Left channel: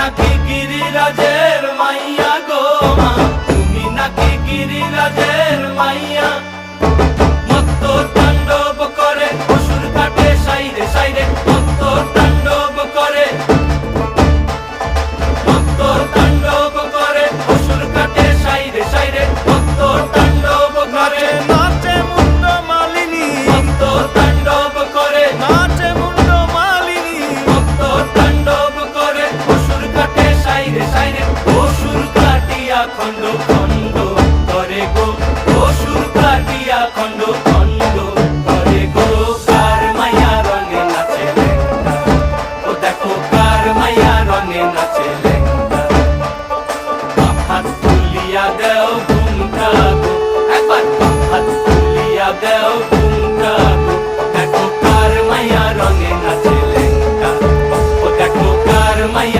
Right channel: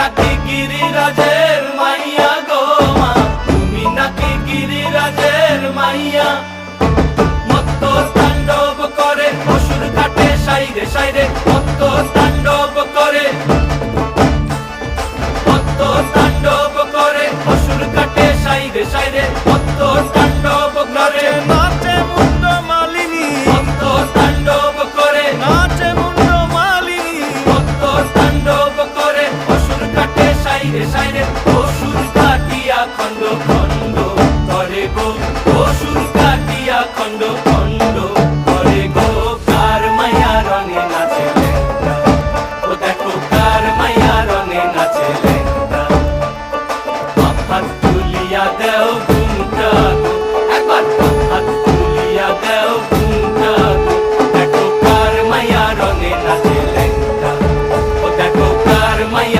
নাকি গিরিরাজের মাইয়া গো মা, তুমি নাকি গিরিরাজের মাইয়া। মত্ত তাণ্ডব করে অসুর কাটে সাইরে সাইরে, মত্ত তাণ্ডব করে, মত্ত তাণ্ডব করে অসুর কাটে সাইরে সাইরে, মত্ত তাণ্ডব করে। নাচে মুন্ড মালিনী, মত্ত তাণ্ডব করে, নাচে মুন্ড মালিনী, মত্ত তাণ্ডব করে অসুর কাটে সাইরে সাইরে, অসুর কাটিয়া খণ্ড খণ্ড করে গো, অসুর কাটিয়া খণ্ড খণ্ড করে গো। কার মায়া রঙে নাচে লেঙ্গা, ও দেখো কার মায়া রঙে নাচে লেঙ্গা।